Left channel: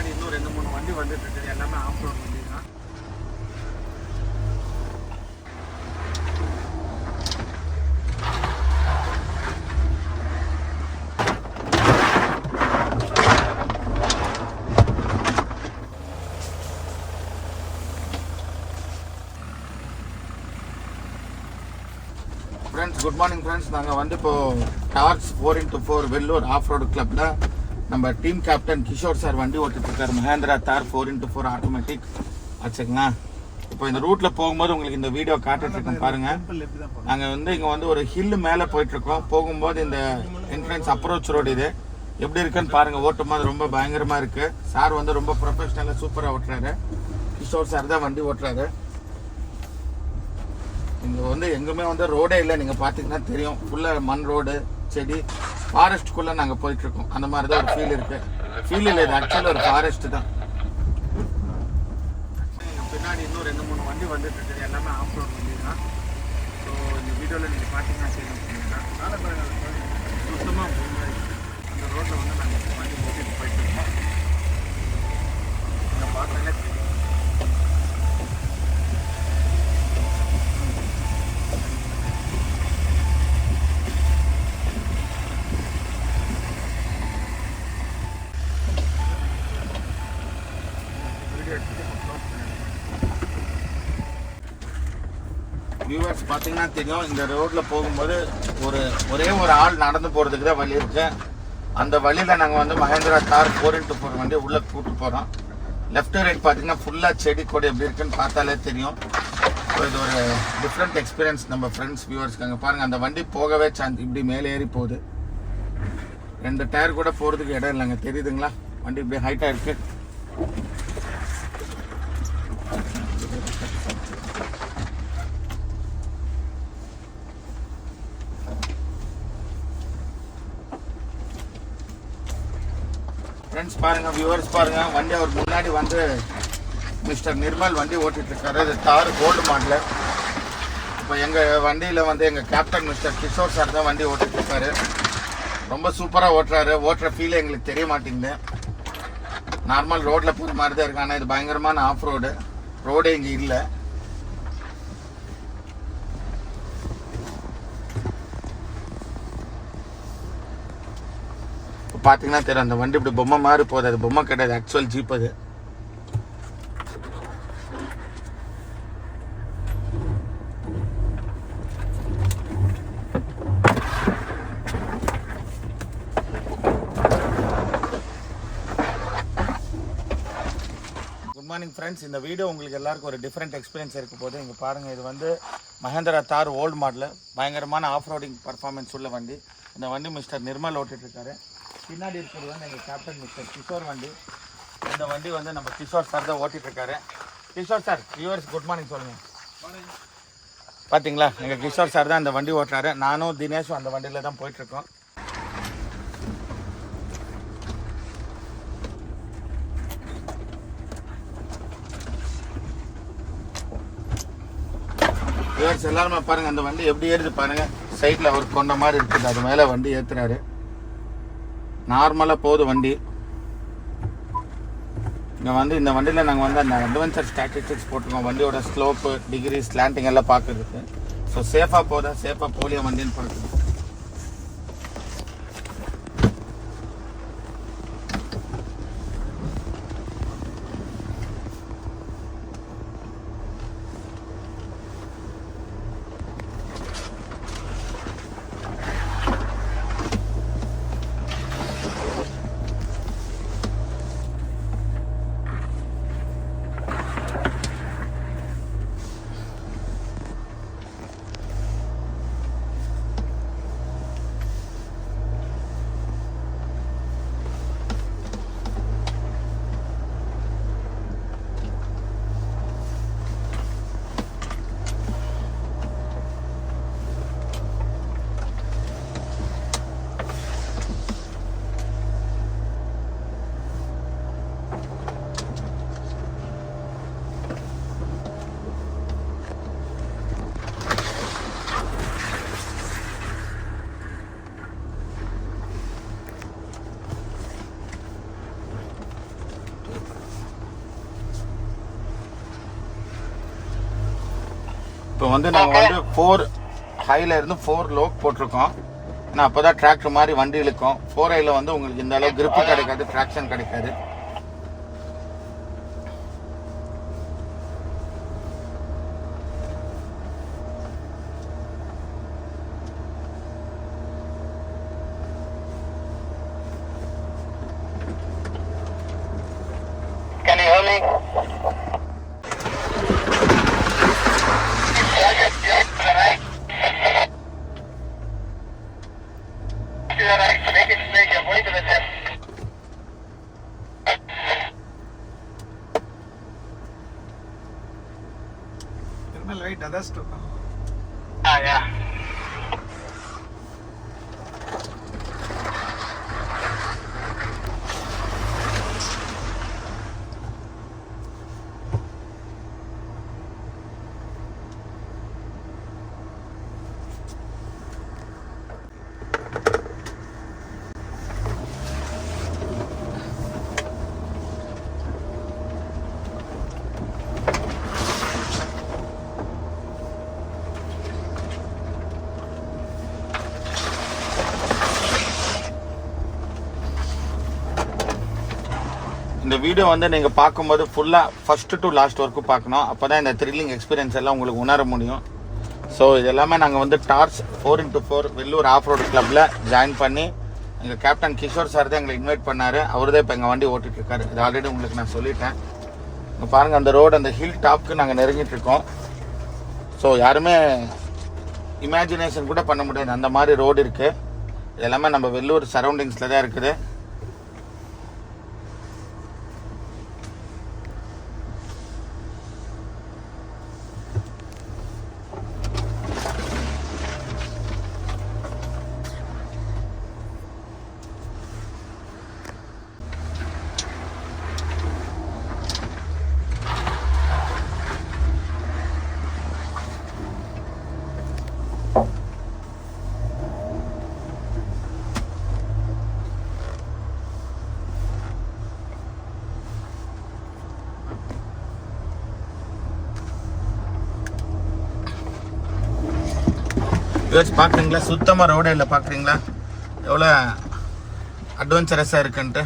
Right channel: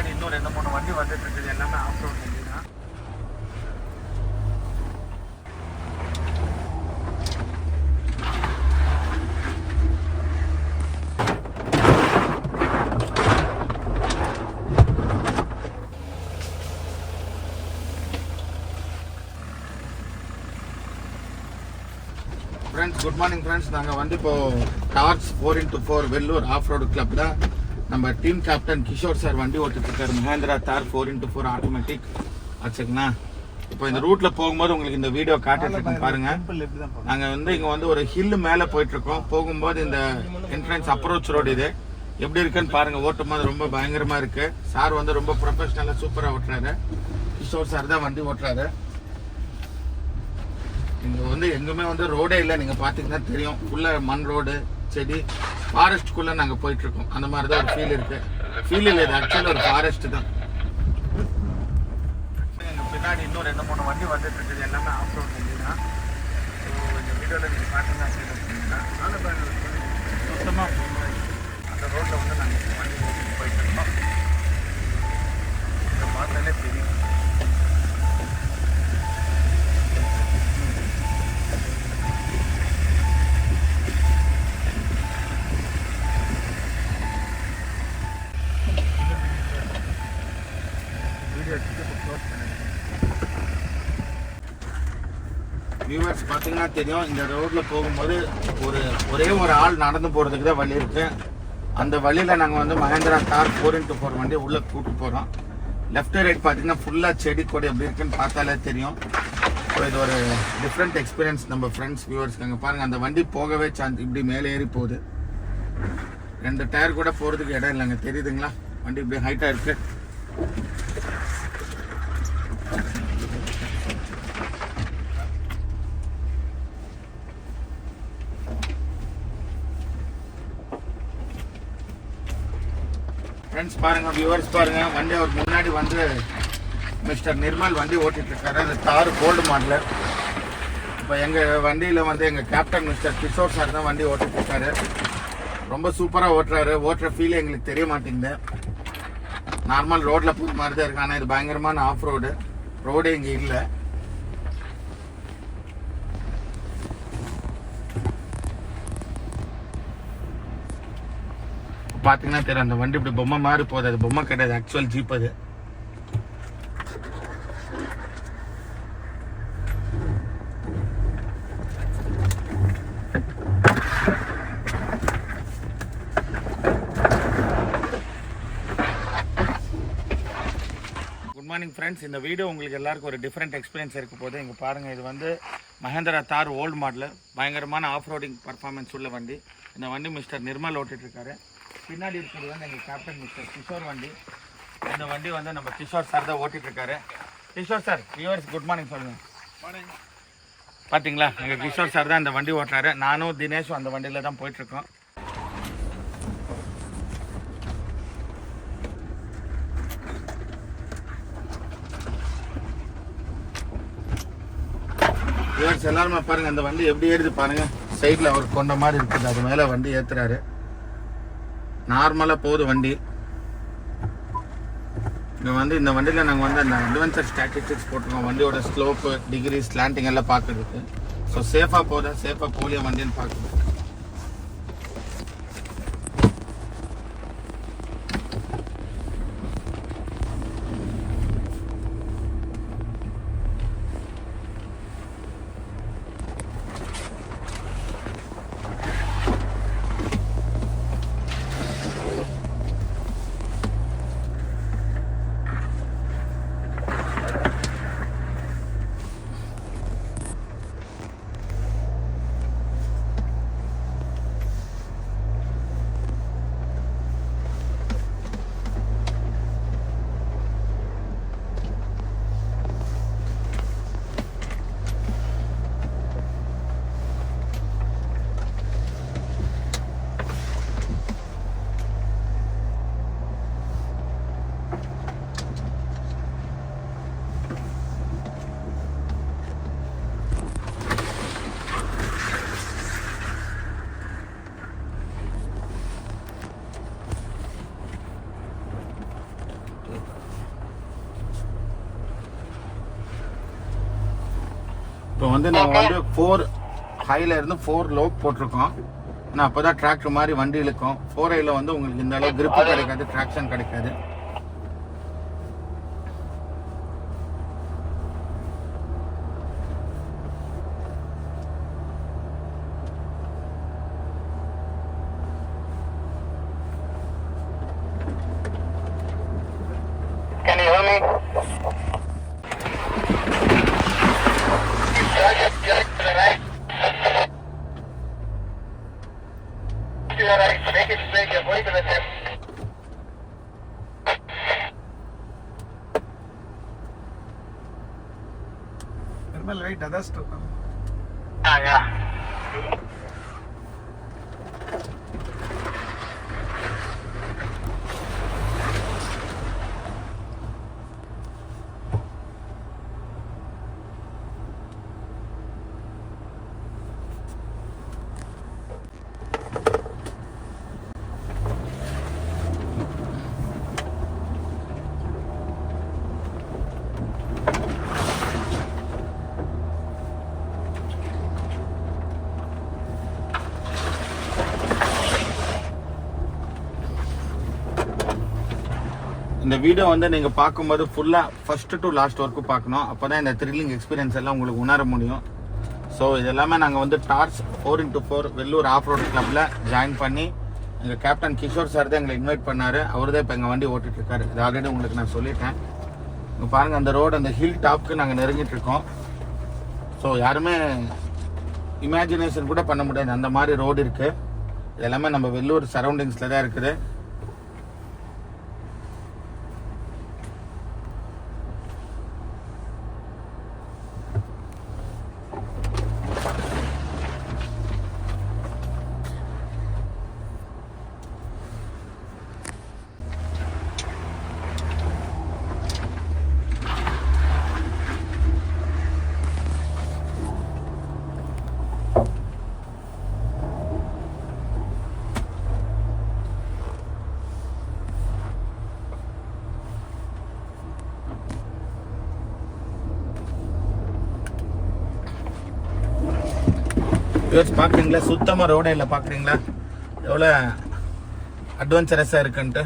பின்னாடி இன்னும் 2-3 வண்டி வந்துட்டு இருக்குது. எல்லாமே ஆஃப் ரோட் வண்டி தான். Friends, good morning friends. நாங்கள் வந்து இப்போது torch 4x4 Vellore off road கிளப்பில் நம்ம டீம் கேப்டன் கிஷோர் சார் வண்டி ஓட்டிட்டுருக்காரு. மஹேந்திரா தார் 4x4 ஆட்டோமேட்டிக் ஆச்சுங்களா. இப்போ இந்த ரூட்டில் போகும்போது உங்களுக்கு இந்த வீடியோ காட்டிட்டுருக்கோம் பாருங்கள். நாங்கள் வந்து இங்கே வந்து ஒரு ஹில்லு மேலே போயிட்டுருக்கோம். போகும்போது இந்த என்ட்ரன்ஸ் அப்ரோச் ரோடு இது எப்படி இருக்குன்னு பாருங்கள். ஓட்டும் போது ரொம்ப பயங்கரமாக இருக்குது. சார் வந்து ரொம்ப ப்ரொஃபஷ்னலாக சூப்பராக ஓட்டுறாரு. கிஷோர் சார் தான் வண்டி ஓட்டுறாரு. இங்கே வந்து எங்குமே வந்து ரோடே இல்லை. நீங்கள் பார்த்தீங்கன்னா தெரியும், ஃபுல்லாக மண் ரோடு, செடி, ஃபாரஸ்ட்டுக்குள்ளே நாங்கள் போயிட்டுருக்கோம். அந்த மாதிரி தான் ஒரு ஃபீல் இருக்குது. ஃபீல் இல்லை, இது ஆக்சுவலாக ஒரு ஃபாரஸ்ட்டு தான். பின்னாடி இன்னும் 2-3 வண்டி வந்துட்டு இருக்குது. எல்லாமே ஆஃப் ரோட் வண்டி தான். ஸோ இந்த வீடியோவில் நீங்கள் பார்த்தீங்கன்னா சுத்தமாக அந்த ரோட்டில் வந்து நாங்கள் வண்டி ஓட்டிட்டு போயிட்டுருக்கோம். இதை பார்த்தாலே தெரியும். வியூவர்ஸ் பார்த்தீங்கன்னா தெரியும், இந்த ரோட்டில் போகும்போது ஒரே ஒரு ஆள் நடந்து போகிறதுக்கு தான் வழி இருக்குது. அந்த வழியில் நாங்கள் வந்து மஹேந்திரா தார் 4x4 வண்டி உள்ளே கூப்பிட்டு போகிறோம். லெஃப்ட் ரைட் பார்த்தீங்கன்னா ஃபுல்லாக செடி கொடி எப்படி இருக்குன்னு பார்த்தாலே தெரியும். ஸோ இது ஒரு டிஃப்ரெண்ட் எக்ஸ்பீரியன்ஸ் நம்ம ஃப்ரெண்ட்ஸ் வியூவர்ஸ்க்கு. அங்கே பாருங்கள், அந்த வண்டி போகவே சான்ஸ் இப்படி மேலே ஏறி போகுது. 2 டயர் கூட போகிறதுக்கு இடம் இல்லைங்க, தெரியுதுங்களா. வண்டி இப்படி ஹைட்டாக இருக்குது. ஃப்ரெண்ட்ஸ் பாருங்கள், வியூவர்ஸ் பாருங்கள், வண்டி அவர் முன்னாடி வந்து மிஸ்டர் நிர்மல் வண்டி ஓட்டிகிட்ருக்காரு. அது தார் கோல்டு மாடல். இப்போ எங்கள் வண்டியில் வந்து எங்கள் கேப்டன் மிஸ்டர் கிஷோர் சார் தான் வண்டி ஓட்டிகிட்ருக்காரு. ரொம்ப சூப்பராக ஓட்டுறாரு. ஓட்டுற ஃபீலே எங்களுக்கு தெரிய மாட்டேங்குது. நார்மல் ரோட்டில் போகிற மாதிரி தான் இருக்கு. ஆனால் இது பயங்கரமான ஆஃப் ரோடே இங்கே இல்லை. பார்த்தீங்கன்னா தெரியும், அந்த வண்டி இப்படி பொம்மை மாதிரி போகுது. அது பொம்மை கிடையாது, ஆக்சுவல் ஜீப் அது. Good morning friends. இந்த வீடியோ உங்களுக்கு எல்லாருக்கும் ஒரு டிஃப்ரெண்ட் எக்ஸ்பீரியன்ஸ் இருக்க போது. இங்கே பாருங்கள், இது வந்து மஹேந்திரா தார் ஓல்டு மாடல். பயங்கரமான ஆஃப் ரோடிங் பர்ஃபார்மன்ஸ் உள்ள வண்டி. இந்த வண்டி மிஸ்டர் நிர்மல் ஓட்டிகிட்ருக்காரு. பின்னாடி இருக்கிறது வந்து எங்கள் கேப்டன் மிஸ்டர் கிஷோர் வண்டி. இந்த வண்டி வந்து நம்ம கிஷோர் சார் தான் ஓட்டிகிட்ருக்காரு. Kishore sir, viewers good morning சொல்லுங்கள். பார்த்தீங்களா, எங்கள் கிஷோர் சார் தான் இந்த வண்டி ஓட்டுறாரு. நானும் தினேஷும் அந்த வண்டியில் தான் போயிட்டுருக்கோம். வியூவர்ஸ் எல்லாருமே பாருங்கள், அந்த வண்டி எப்படி ஏறுது பாருங்கள். சைடில் ஒரு கொண்ட மாதிரி இருக்குது, அது மேலே வண்டி ஏற்றுறாரு. நார்மலாக போகுது வண்டி. இங்கே வந்து இந்த வண்டியில் நாங்கள் வந்து அந்த அட்வென்ச்சர் ஸ்டாட்டிஸ்டிக்ஸ் போட்டிருக்கோம். வண்டியோட ஸ்லோப்பு, டிகிரி, ஸ்லாண்டிங் எல்லாம் பார்க்குறதுக்கு. ஸோ சேஃபாக போதா சேஃபாக போலியா வண்டின்னு பார்க்குறது. வந்து நம்ம வந்து 4 ஹைல இருந்து 4 லோ போட்டிருக்கோம். ஏன்னா அப்போ தான் டிராக்டர் மாதிரி வண்டி இழுக்கும். 4Iல வந்து உங்களுக்கு இந்த அளவு கிரிப்பு கிடைக்காது, ட்ராக்ஷன் கிடைக்காது. Can you hear me? To the right. Make it straight. You're going to the left. Thermal light others too. Yeah. இந்த வீடியோ வந்து நீங்கள் பார்க்கும்போது ஃபுல்லாக ஃபஸ்ட்டு டு லாஸ்ட் வரைக்கும் பார்க்கணும். அப்போ தான் இந்த த்ரில்லிங் எக்ஸ்பீரியன்ஸ் எல்லாம் உங்களுக்கு உணர முடியும். ஸோ இது எல்லாமே நாங்கள் வந்து torch 4x4 Vellore off road கிளப்பில் ஜாயின் பண்ணி எங்கள் கேப்டன் கிஷோர் சார் தான் எங்களை இன்வைட் பண்ணார். அவர் தான் இப்போ எங்கள் வண்டி ஓட்டிகிட்ருக்காரு. இது ஆல்ரெடி உங்களுக்கு நான் சொல்லிட்டேன். இப்போ பாருங்கள், அந்த ரோடு அந்த ஹில் டாப்க்கு நாங்கள் நெருங்கிட்டுருக்கோம். ஸோ யாருமே இமேஜினேஷன் கூட பண்ண முடியாது, அந்த மாதிரி ரோடு இருக்குது. எல்லாமே நம்ம வெள்ளூர் சரௌண்டிங்ஸில் தான் இருக்குது. பார்க்குறீங்களா, சுத்தமாக ரோடே இல்லை. பார்க்குறீங்களா எவ்வளோ அட்வென்ச்சரஸாக இருக்குன்ட்டு.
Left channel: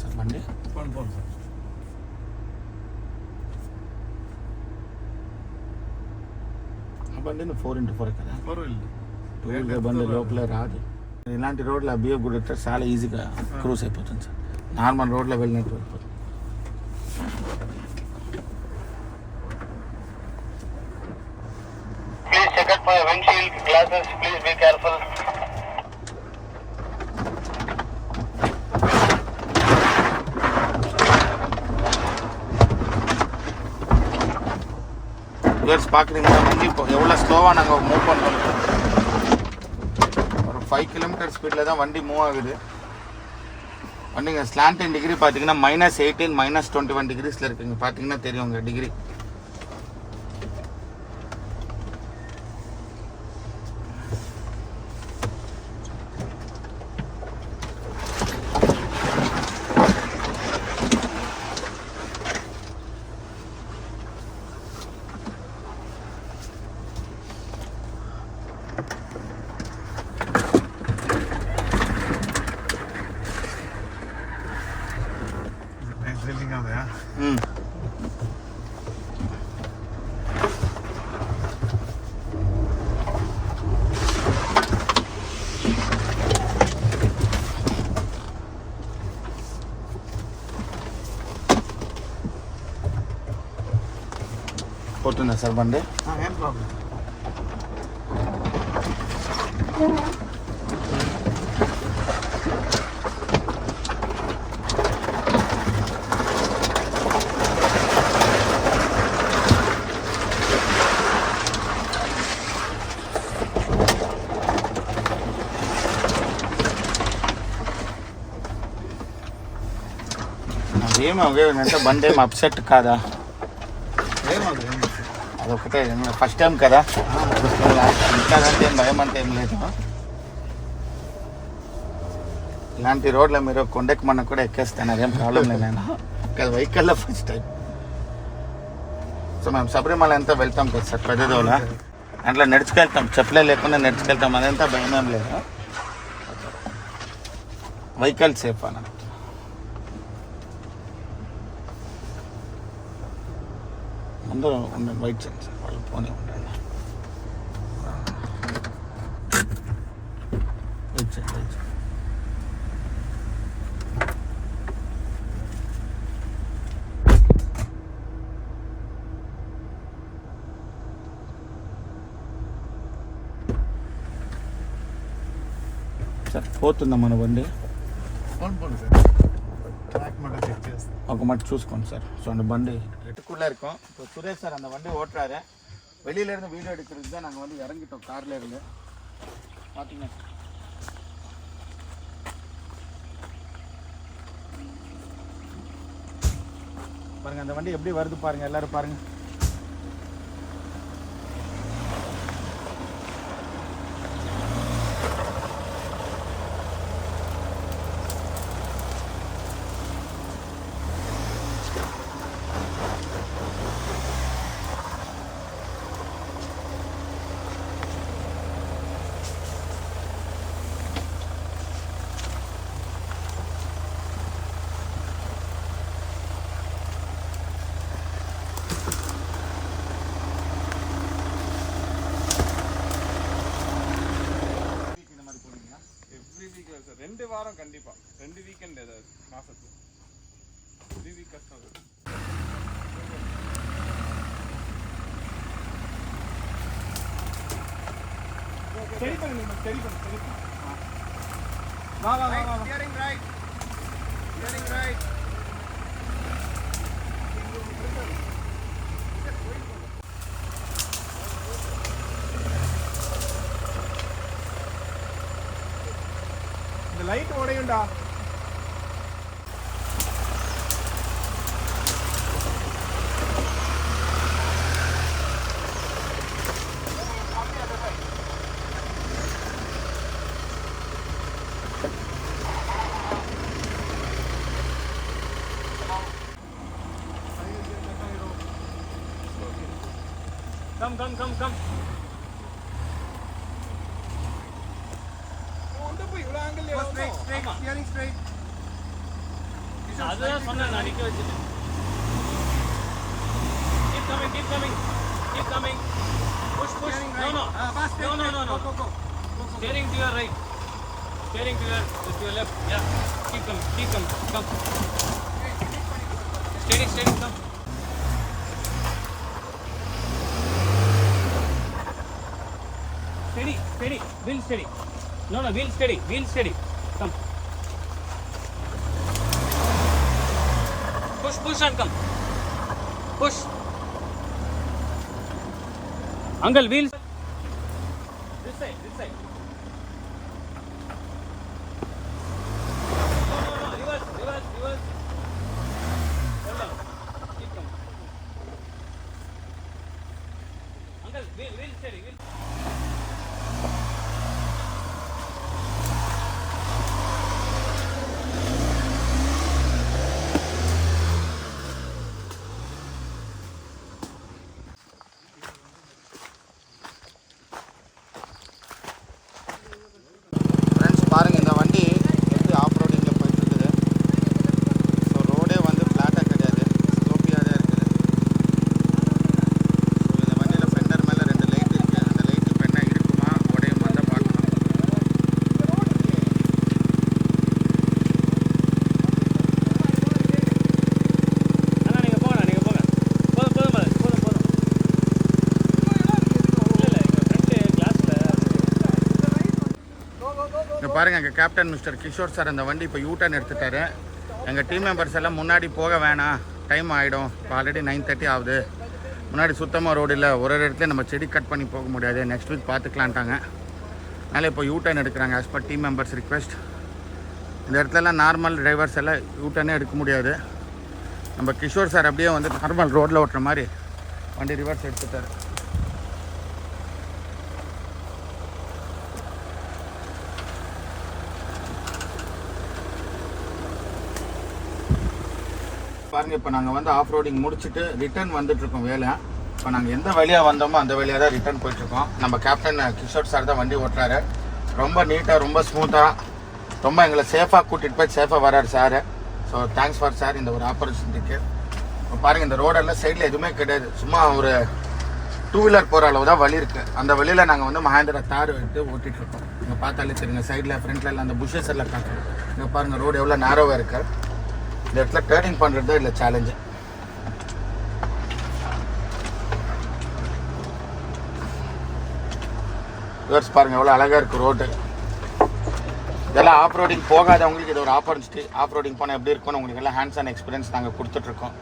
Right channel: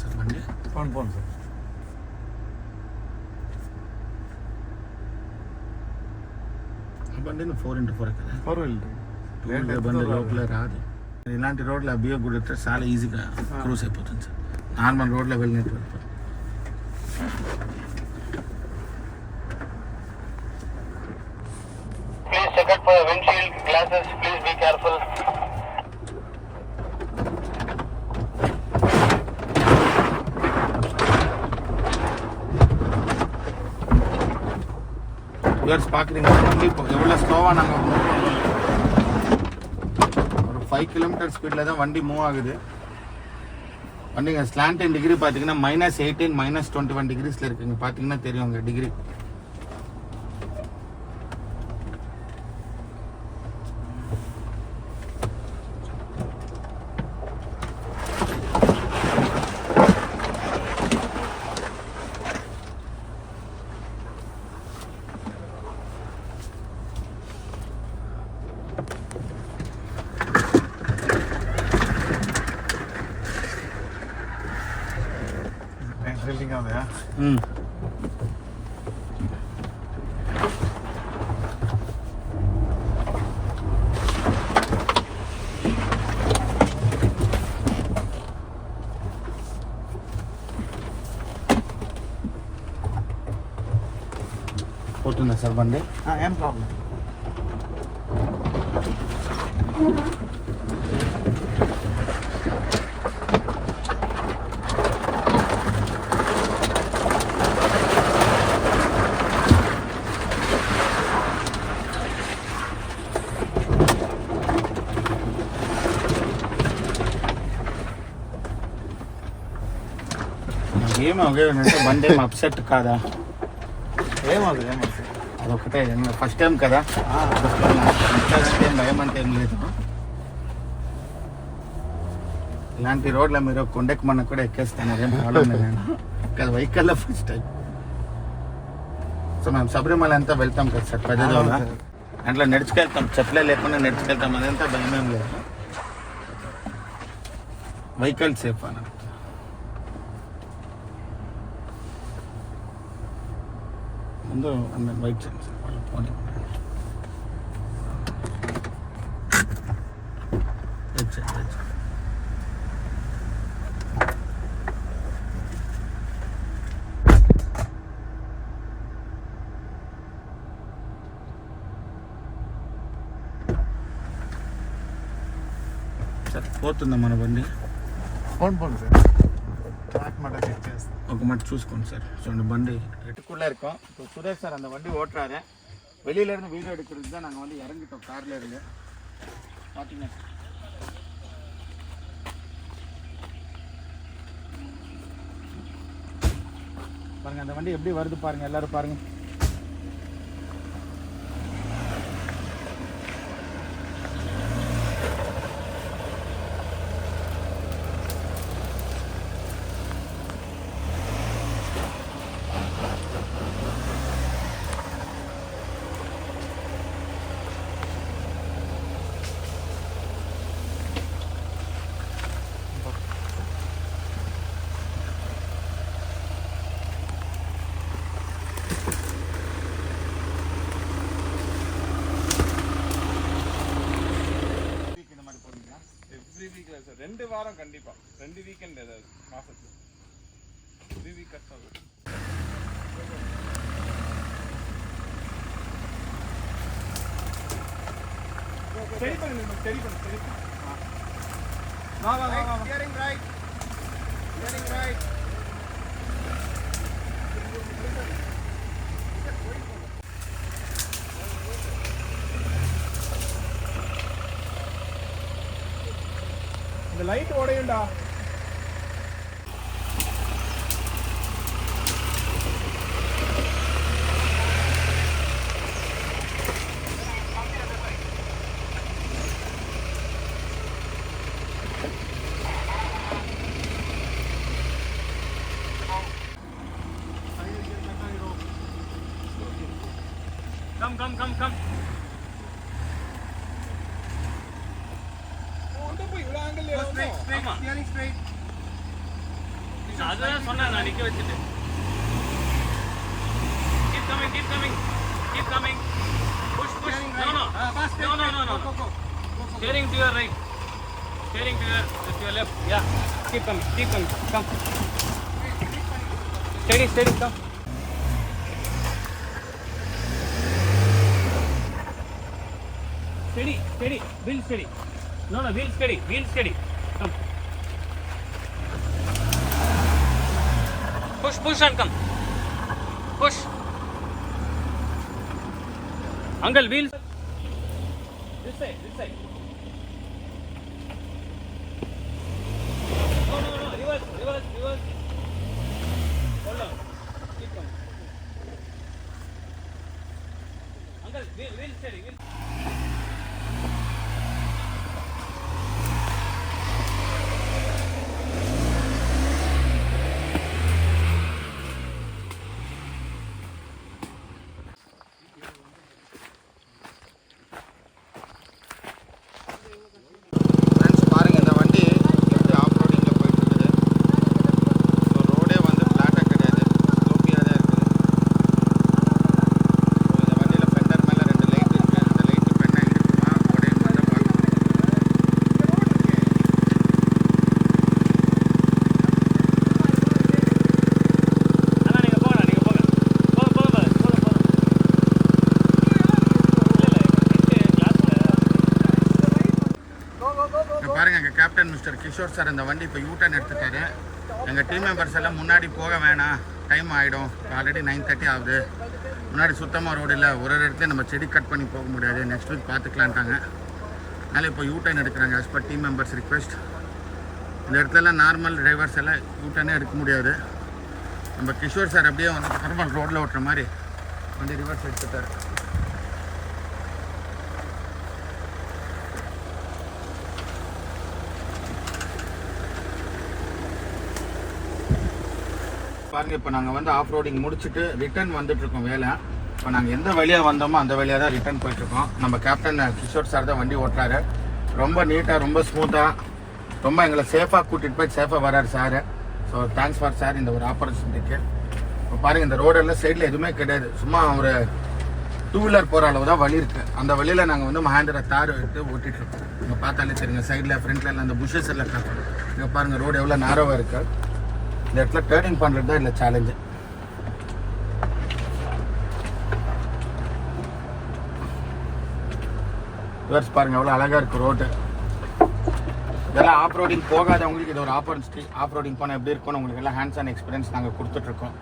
సార్ బండి పోను సార్. ఆ బండి 4x4 కదా, 4 బండి లోపల రాదు. ఇలాంటి రోడ్లు అభియోగ కూడా చాలా ఈజీగా క్రూజ్ అయిపోతుంది సార్. నార్మల్ రోడ్లో వెళ్ళినట్టు వెళ్ళిపోతుంది. Please check out for your windshield glasses. Please be careful. பார்க்குறீங்க எவ்வளோ ஸ்லோவாக நாங்கள் மூவ் பண்ணுறோம். ஒரு 5 km ஸ்பீடில் தான் வண்டி மூவ் ஆகுது. வண்டிங்க ஸ்லாண்டிங் டிகிரி பார்த்தீங்கன்னா -18 -21 டிகிரிஸில் இருக்குங்க. பார்த்தீங்கன்னா தெரியும் உங்கள் டிகிரி. పోతుందా సార్ బండి? ఏం ప్రాబ్లం. ఏం అంటే బండి ఏం అప్సెట్ కాదా? ఏమది అదొకటే ఫస్ట్ టైం కదా, ఇంకా ఏం భయం అంటే ఏం లేదు. ఇలాంటి రోడ్లో మీరు కొండకి మన కూడా ఎక్కేస్తాను, అదేం ప్రాబ్లం లేదు. వెహికల్లో ఫస్ట్ టైం. సో మేము శబరిమల అంతా వెళ్తాం కదా సార్, ప్రజాదౌల అట్లా నడుచుకెళ్తాం, చెప్పులే లేకుండా నడుచుకెళ్తాం, అదంతా భయం ఏం లేదు. వెహికల్ సేఫ్ అన్న. అందరూ వెయిట్ చేయండి సార్, వాళ్ళు ఫోన్ వెయిట్ చేయండి. సార్ పోతుందా మన బండి? போன் சார், ட்ராக் மட்டும் செக் చేస్తాం. ఒక మట్టి చూసుకోండి சார். ஸோ அந்த வண்டி எட்டுக்குள்ளே இருக்கோம். இப்போ சுரேஷ் சார் அந்த வண்டி ஓட்டுறாரு. வெளியிலேருந்து வீடியோ எடுக்கிறதுக்கு தான் நாங்கள் வந்து இறங்கிட்டோம் காரில் இருந்து. பார்த்தீங்க பாருங்கள் அந்த வண்டி எப்படி வருது பாருங்கள், எல்லோரும் பாருங்கள். ரெண்டு வாரம் கண்டிப்பா, 2 வீக்கெண்ட் ஏதாவது மாசத்துல 3 வீக் கஷ்டம். சரி பண்ணுங்க, சரி பண்ணுங்க. வா வா வா வா. Steering right, steering right. இந்த லைட் உடையும்டா. கம் போய் இவ்வளவு ஆங்கிள் ஸ்டியரிங் ஸ்ட்ரைட். அதான் சொன்னா நிக்க வச்சிட்டு. Keep coming. Push. No. Fast. No. Go. Steering to your right. Steering to your left. Yeah. Keep coming. Come. Steady. Come. Steady. Wheel steady. No, wheel steady. Come. Push and come. Push. Uncle, wheels. This side. No. Reverse. Hold on. Keep coming. Uncle, wheel steady. Friends பாருங்கள், இந்த வண்டி எப்படி ஆஃப் ரோடிங்கில் போயிட்டு இருக்குது. ஸோ ரோடே வந்து ஃப்ளாட்டாக கிடையாது, ஸ்லோப்பியாக தான் இருக்குது. ஸோ இந்த வண்டியில் ஃபெண்டர் மேலே 2 லைட் இருக்குது. அந்த லைட் கேப்டன் மிஸ்டர் கிஷோர் சார் அந்த வண்டி இப்போ யூட்டர்ன் எடுத்துட்டாரு. எங்கள் டீம் மெம்பர்ஸ் எல்லாம் முன்னாடி போக வேணாம், டைம் ஆகிடும், இப்போ ஆல்ரெடி 9:30 ஆகுது, முன்னாடி சுத்தமாக ரோடு இல்லை, ஒரு இடத்துல நம்ம செடி கட் பண்ணி போக முடியாது, நெக்ஸ்ட் வீக் பார்த்துக்கலான்ட்டாங்க. அதனால் இப்போ யூட்டர்ன் எடுக்கிறாங்க as per team members request. இந்த இடத்துலலாம் நார்மல் டிரைவர்ஸ் எல்லாம் யூட்டர்னே எடுக்க முடியாது. நம்ம கிஷோர் சார் அப்படியே வந்து நார்மல் ரோட்டில் ஓட்டுற மாதிரி வண்டி ரிவர்ஸ் எடுத்துட்டார். பாருங்கள், இப்போ நாங்கள் வந்து ஆஃப் ரோடிங் முடிச்சுட்டு ரிட்டர்ன் வந்துட்டுருக்கோம் வேலை. இப்போ நாங்கள் எந்த வழியாக வந்தோமோ அந்த வழியாக தான் ரிட்டர்ன் போயிட்டுருக்கோம். நம்ம கேப்டன் கிஷோர் சார் தான் வண்டி ஓட்டுறாரு. ரொம்ப நீட்டாக, ரொம்ப ஸ்மூத்தாக, ரொம்ப எங்களை சேஃபாக கூட்டிகிட்டு போய் சேஃபாக வர்றாரு sir. So thanks for sir இந்த ஒரு ஆப்பர்ச்சுனிட்டிக்கு. இப்போ பாருங்கள், இந்த ரோடெல்லாம் சைடில் எதுவுமே கிடையாது, சும்மா ஒரு 2 வீலர் போகிற அளவு தான் வழி இருக்குது. அந்த வழியில் நாங்கள் வந்து மஹேந்திரா தார் எடுத்து ஓட்டிகிட்ருக்கோம். இங்கே பார்த்தாலே தெரியுங்க, சைடில் ஃப்ரண்ட்டில் எல்லாம் அந்த புஷஸ் எல்லாம் காட்டுறோம். இங்கே பாருங்கள் ரோடு எவ்வளோ நேரோவாக இருக்குது. இந்த இடத்துல டேர்னிங் பண்ணுறது தான் இல்லை சேலஞ்சு. ரிவர்ஸ் பாருங்கள் எவ்வளோ அழகாக இருக்குது ரோடு. இதெல்லாம் ஆஃப் ரோடிங் போகாதவங்களுக்கு இது ஒரு ஆப்பர்ச்சுனிட்டி. ஆஃப் ரோடிங் போனால் எப்படி இருக்குன்னு உங்களுக்கு எல்லாம் ஹேண்ட்ஸ் ஆன் எக்ஸ்பீரியன்ஸ் நாங்கள் கொடுத்துட்ருக்கோம்.